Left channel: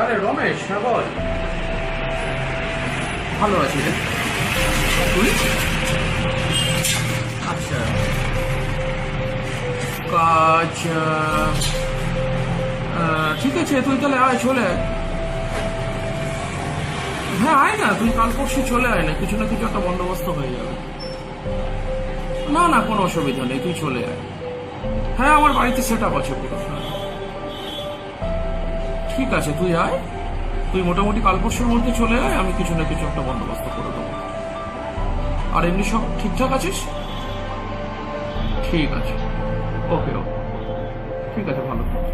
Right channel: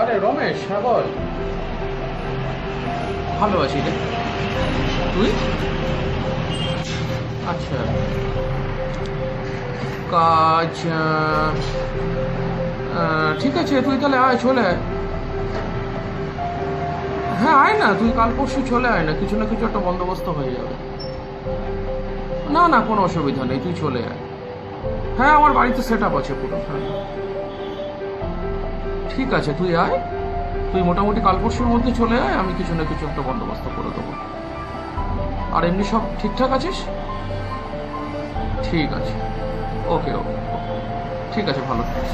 আরে রমেশ, হ্যাঁ বল। ভালো আছি রে, তুই? আচ্ছা, কাজ ঠিক আছে, তুই তাহলে আয়, চলে আয়। হ্যাঁ আয় না, তুই কাল পরশু চলে আয় না, কিছু না কিছু একটা বন্দোবস্ত হয়ে যাবে। না না, কোনো অসুবিধা নেই, তুই চলে আয়। হ্যাঁ, আমার বাড়িতে সেট আপ আছে পুরো। হ্যাঁ ঠিক আছে, তুই আয়। তুই মোটামুটি কাল পরশুর মধ্যে চলে আয়, আমি কিছু না কিছু একটা বন্দোবস্ত করে দেবো। আর এমনি সব ঠিকঠাক আছিস? ঠিক আছে, ওকে ওকে, ঠিক আছে, ভালো থাকিস।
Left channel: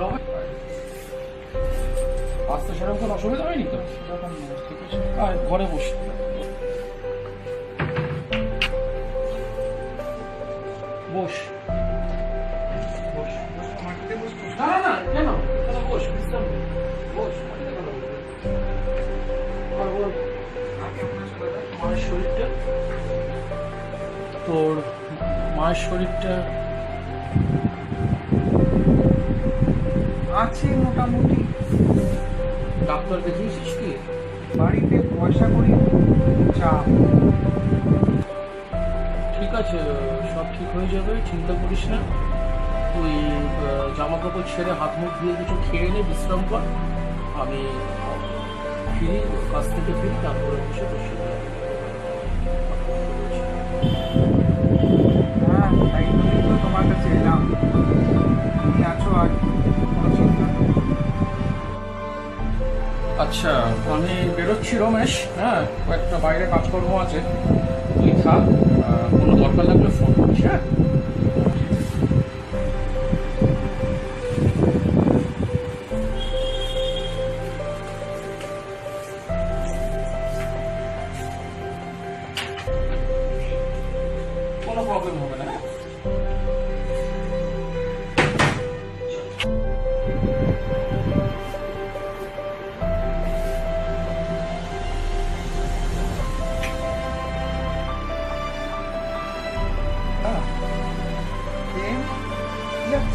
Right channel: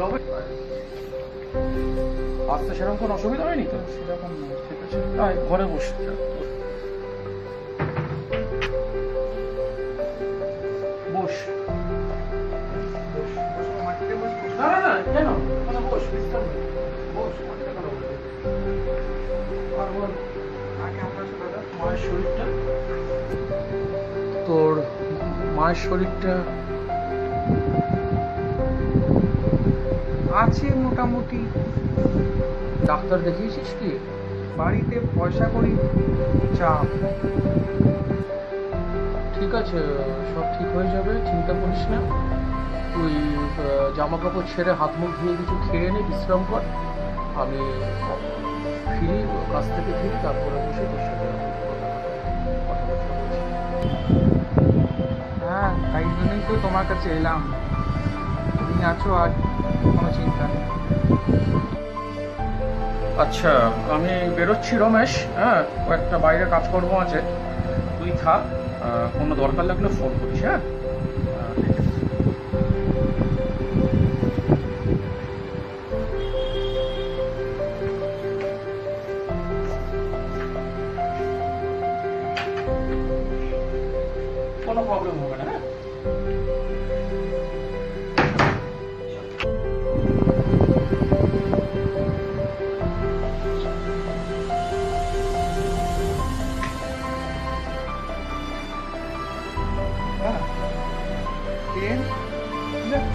রমেশ, আসতে সেরকম কোনো অসুবিধা হয়নি তো? সেরকম নয়, ঠিক আছে। আয়, ঘরে বস। বস বস। মাটিতে বস। না না না, কেন? এখানে বস, বিশ্রাম নে। বস, মাটিতে কেন বসবি? আর বল, আর কেমন আছো দাদা? মায়ের শরীরটা, তোর মায়ের শরীরটা আছে মোটামুটি। ডাক্তার দেখিয়েছিস কি? বাড়িতে পয়সা করি, চাপ। ঠিক আছে, সব ঠিক হয়ে যাবে, চিন্তা করিস না। তুই জামা কাপড় ছেড়ে হাত মুখ ধুয়ে কিছু খেয়ে নে, বিশ্রাম কর। আমি ফিরি, কাজ থেকে ফিরি, তারপরে বসে তোর সাথে কথাবার্তা বলছি। হ্যাঁ, তাই জন্যই তো তোমার কাছে এলাম। তুমি আছো আর কোনো চিন্তা নেই। আচ্ছা, আমি বেরোচ্ছি রমেশ। হ্যাঁ, কয়েকটা বাইরে কাজকর্ম আছে, তুই থাক। কোনো দরকার লাগলে ফোন করিস। হ্যাঁ, ঠিক আছে। প্রবলেম হবে না। হ্যাঁ,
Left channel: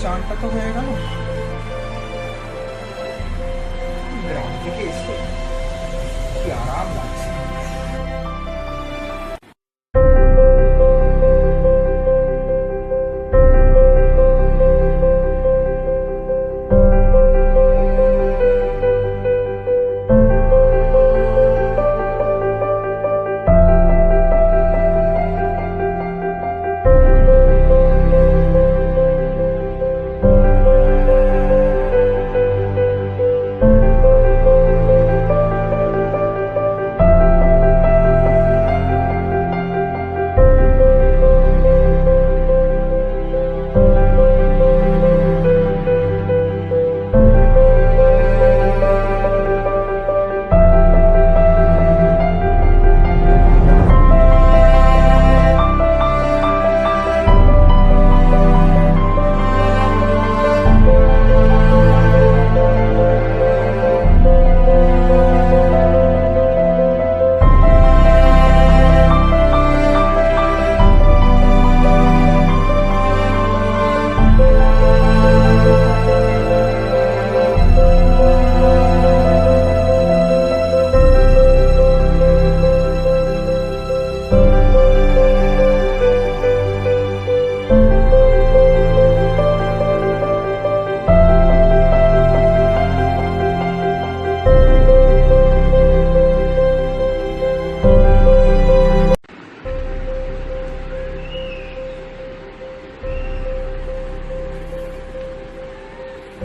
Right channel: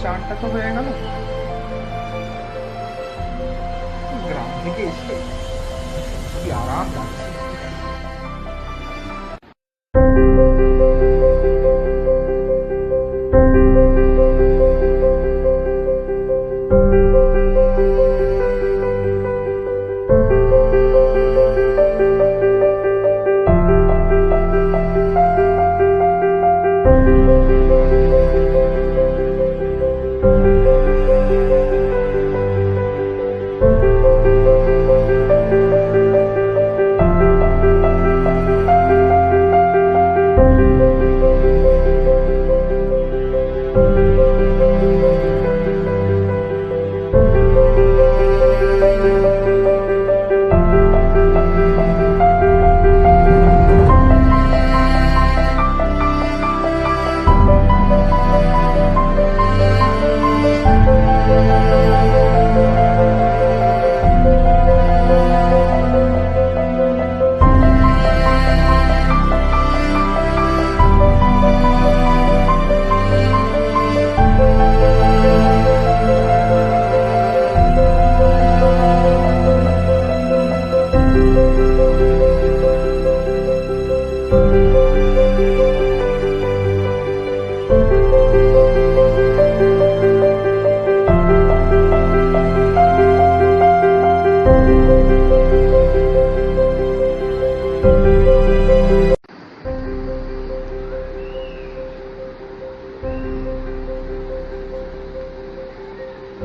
চানটা তো হয়ে গেল। গ্রাম থেকে এসে কি আরাম লাগছে।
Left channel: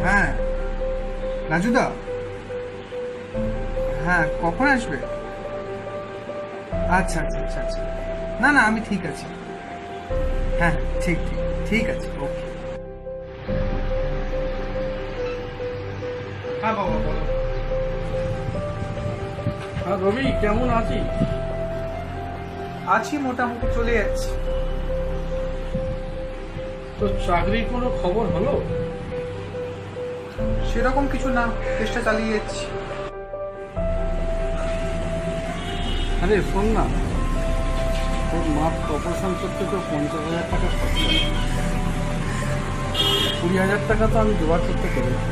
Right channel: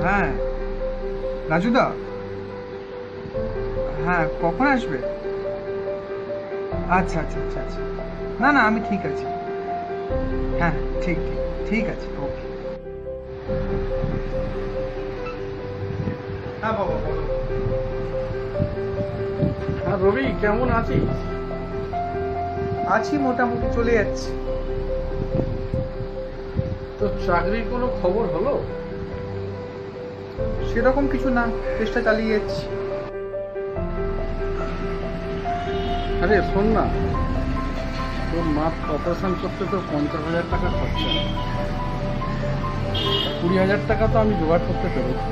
হ্যাঁ রাজুদা, হ্যাঁ কখন আসবে? আচ্ছা আচ্ছা আচ্ছা আচ্ছা, না না আমি ঠিক আছি। হ্যাঁ ঠিক ঠিক ঠিক আছে, ওকে। হ্যাঁ বাবা বলো। হ্যাঁ রবি, কেমন আছিস? আছি, মোটামুটি চলে যাচ্ছি। তো চাকরির কোনো খবর হলো? সেরকম কিছু না, চেষ্টা চালিয়ে যাচ্ছি। আরে শোন না, তোর মা অপারেশন করতে তো 50,000 টাকা খরচা, 20,000 টাকা তো আমি জোগাড় করতে পেরেছি,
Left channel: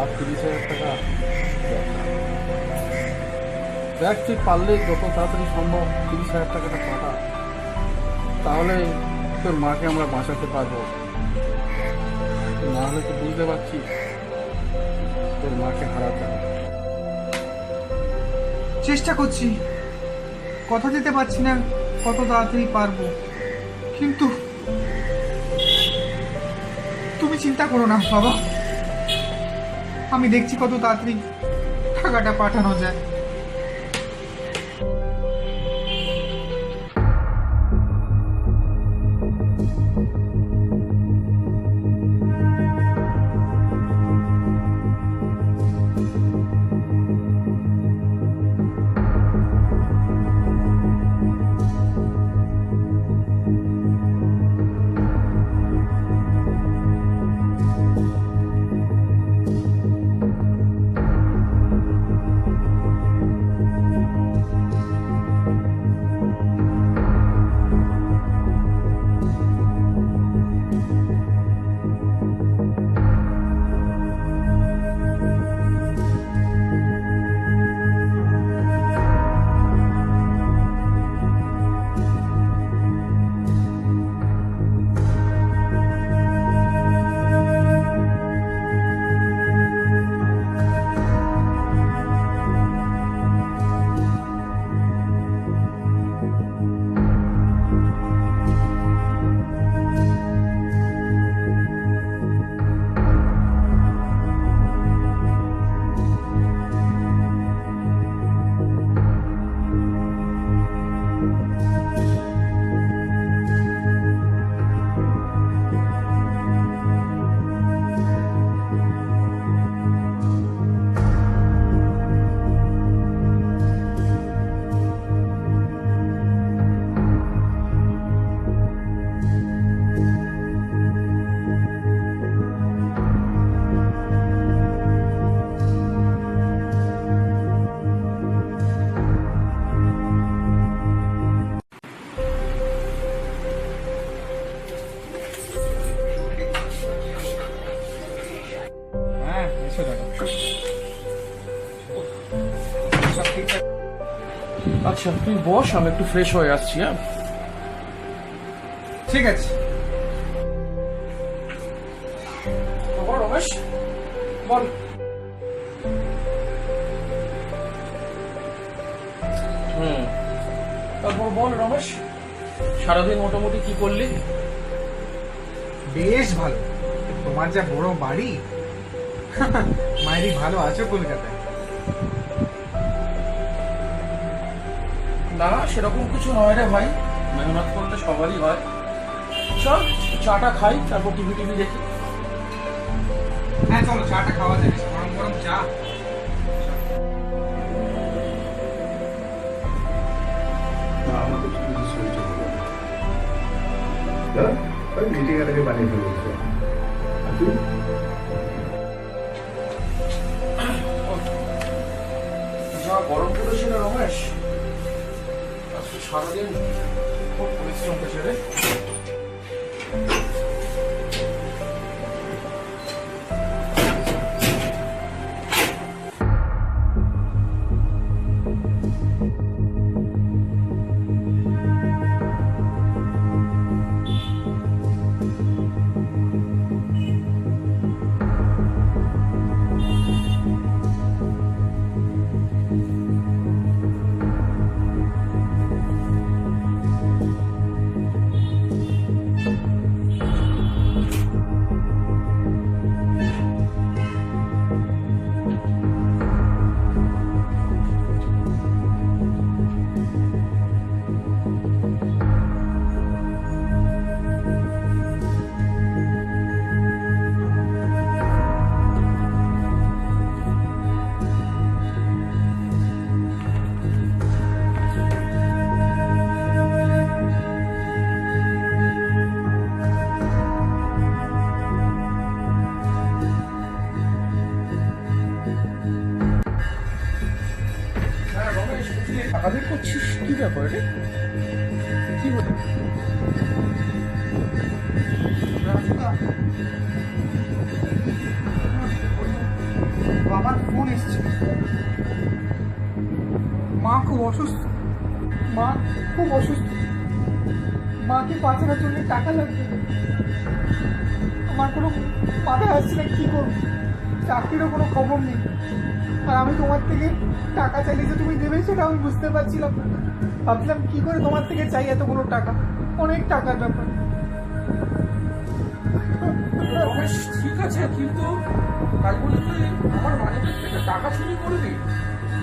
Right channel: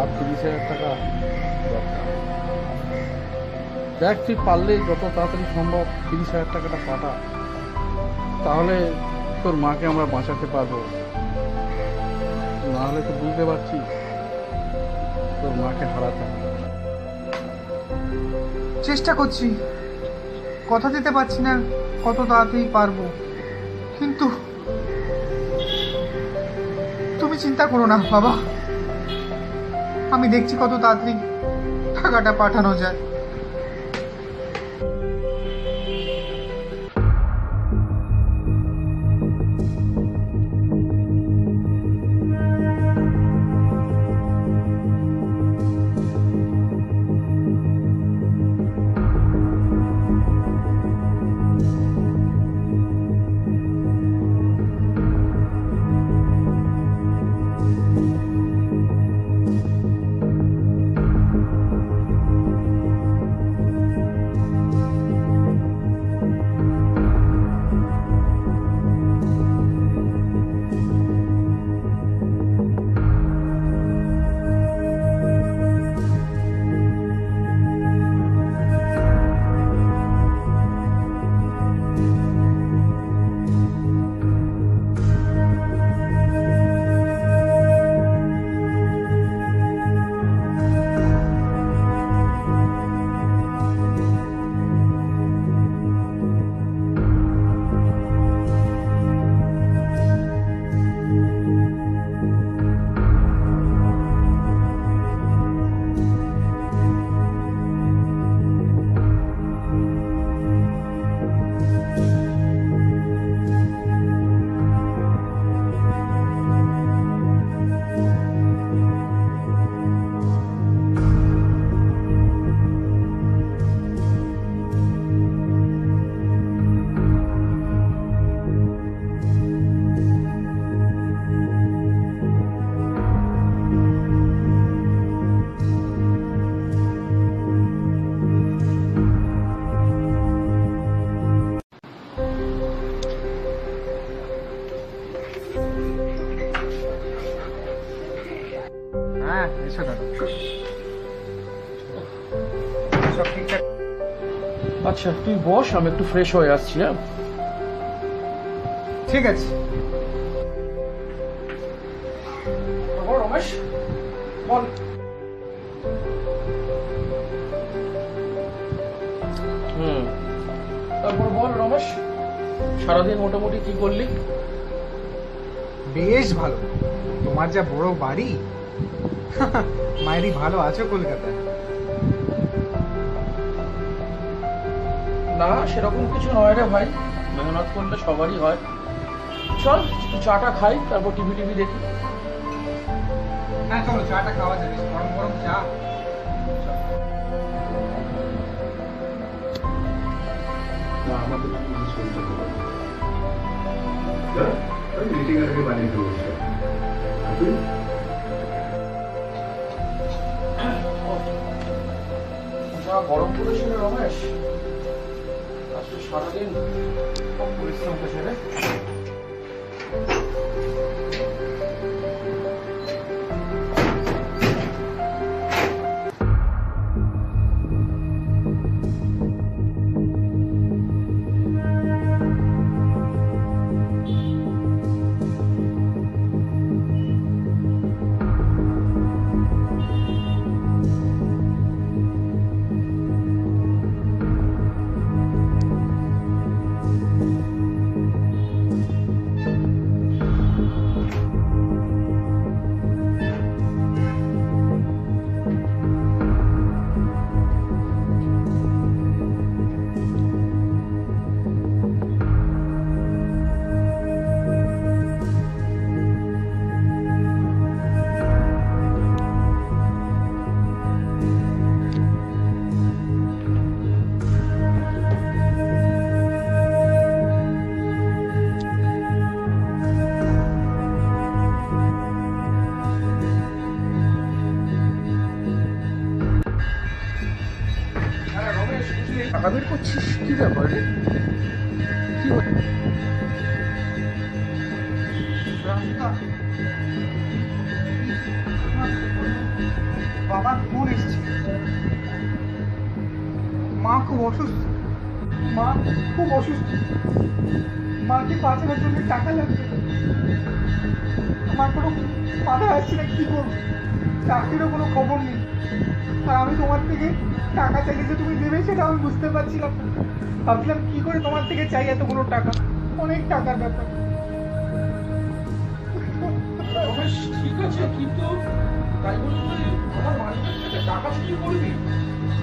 আর 30,000 টাকা দরকার। দেখ তুই পারলে যত তাড়াতাড়ি সম্ভব 30,000 টাকাটা পাঠা, তাহলে তোর মাকে আমরা বাঁচাতে পারবো। না হলে তো বুঝতে পারছিস তোর মাকে হারাতে হবে। চেষ্টা করছি, কথা দিতে পারছি না কত তাড়াতাড়ি পারবো, কিন্তু তুমি চিন্তা করো না বাবা, আমি দেখছি কত তাড়াতাড়ি টাকাটা পাঠানো যায়। হ্যাঁ এসো দাদা, সব ঠিকঠাক। আচ্ছা তুই বস, আমি একটু ফ্রেশ হয়ে আসছি। হ্যাঁ ঠিক আছে। বল রমেশ, বল। তারপর বল রমেশ, সারাদিন মোটামুটি কি করলি? বেশ ভালো। তোমার যা বড় বাড়ি, মায়েরই ভালো আছো কলকাতায়। না সেরকম কিছু নয় রে ভাই, মেহনত করলে সবারই হয়। চল চাটা খাই, তারপর টিভি দেখি। হ্যাঁ চলো, চাটা খাওয়া যাবে, গরম গরম চা। না আমাদের তো কিছু চলতে হবে না, ওই মিটিং এর আগে বানিয়ে ফেলবো। আর তুই যা গরম পড়েছিল রমেশ, আজকে সারাদিন খুব পরিশ্রম করেছে রে। টাকা বের করছিস, কি ব্যাপার রে? কি বাবার ফোন এসছে, মা খুব অসুস্থ, মা খুব অসুস্থ, মাকে বাঁচানোর জন্য টাকা লাগবে। আমার কোনো মাথায় আসছে না কি করবো, চাকরিরও কোনো খবর নেই, আর আমি তোমার থেকে টাকা চাইলে যে তুমি দেবে সেটা আমি বুঝতে পারছিলাম না। ভাবছিলাম কি করে তোমার থেকে চাই এতগুলো টাকা, অনেক টাকার ব্যাপার। রমেশ ঠিক আছে, কিন্তু তাই বলে তুই আমার মালিকের থেকে টাকা চুরি করবি?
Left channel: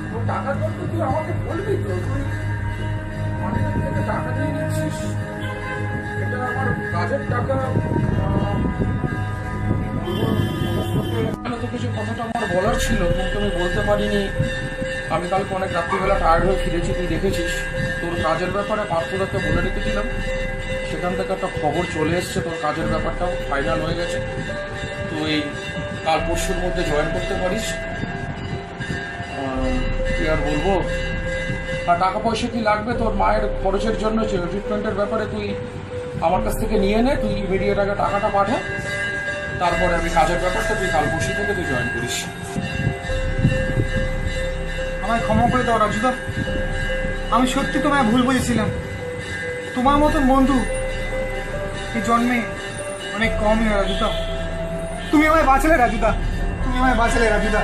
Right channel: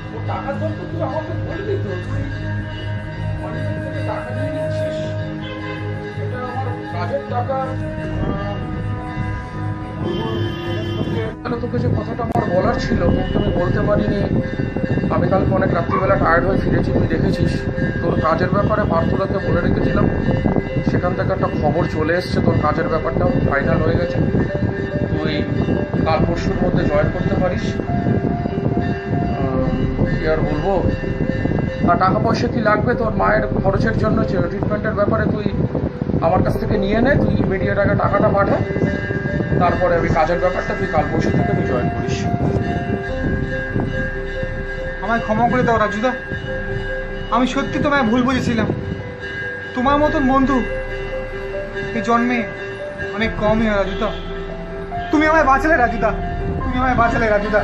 তোর টাকার দরকার তুই আমাকে বলবি তো? তুই মালিকের থেকে টাকা নিয়ে নিচ্ছিস, এটা আমার কাজের টাকা। তোকে যে কথাটা আমার বলার ছিল কিন্তু আমি বলতে পারিনি। আমি কালকে অনেক রাত্রিবেলা টায়ার্ড হয়ে ফিরেছি, তুই দেখেছিস। তোর কাজের ব্যাপারে পার্থদাকে বলে রেখেছিলাম, সেখান থেকে একটা খবর চলে এসছে, তোর কাজের ব্যাপারটাও ফাইনাল হয়ে গেছে। তুই কাল পরশুর মধ্যে জয়েন করতে পারিস। কি আর বলবো, আর টাকা পয়সা কি লাগবে তোর মায়ের খরচের জন্য, ট্রিটমেন্টের ব্যাপারে তুই আমার কাছ থেকে নিয়ে নে, তুই ইমিডিয়েট আগে টাকাটা পাঠা, তারপরে আমি কাজের ব্যাপারটা তুই কাল পরশু থেকে তুই জয়েন করিস। আমায় ক্ষমা করে দাও রাজুদা, আমি সত্যি তোমায় ভুল বলেছিলাম। তোমার মতন বন্ধু এই জন্মে অনেক কমই হয় রাজুদা। তুমি আমায় বাঁচালে রাজুদা, তুমি আমায় বাঁচালে রাজুদা।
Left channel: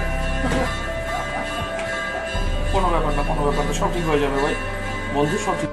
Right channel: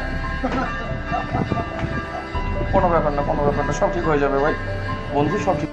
কোনো ব্যাপার না, কোনো ব্যাপার না, সব ঠিক হয়ে যাবে ভাই, বন্ধু সব ঠিক।